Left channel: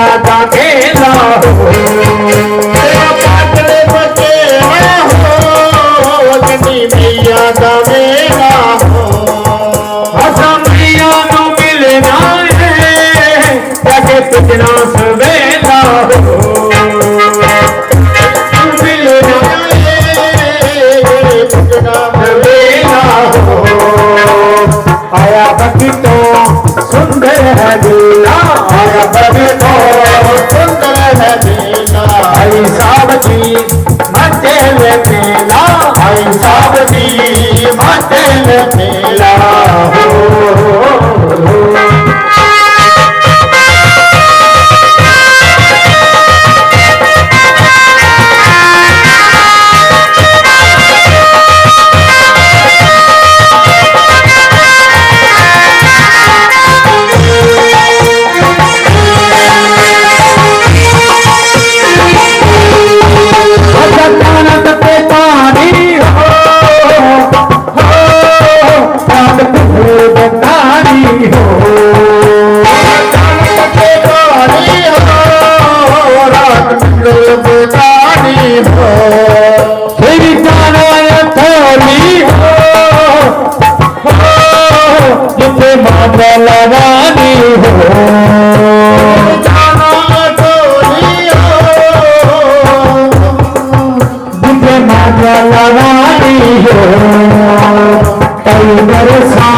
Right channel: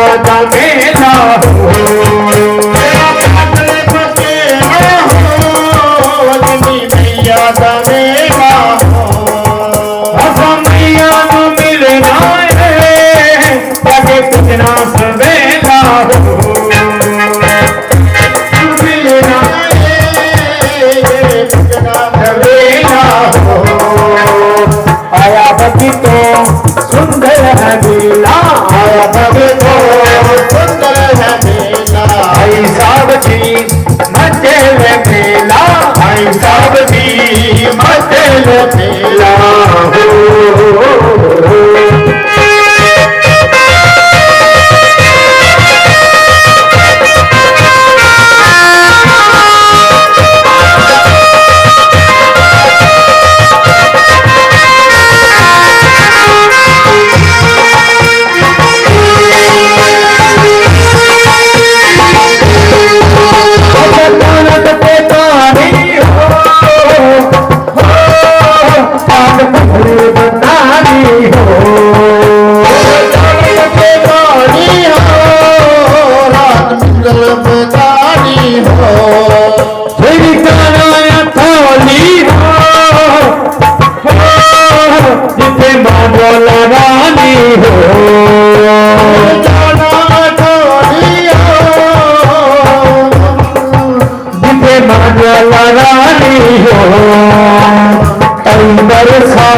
मैया दा मेला हो मैया दा मेला हो असा मैया नु मिलना है जाके पुछना सवेला हो मिलना है पुछना सवेला हो आया बगी तो सुंदर है मेला आया बगी तो सुंदर है मेला आई साहब जी मचे मेला आई साहब जी मचे मेला हो रानी हो जिसे माला रानी हो कई बरसा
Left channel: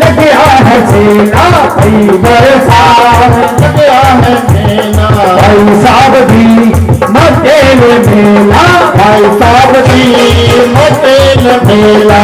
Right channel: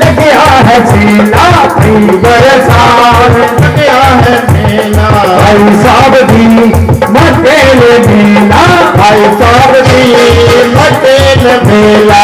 लगे है सेला कई बरसा लगे है सेला भाई साहब जी मते मेला भाई साहब जी मते मेला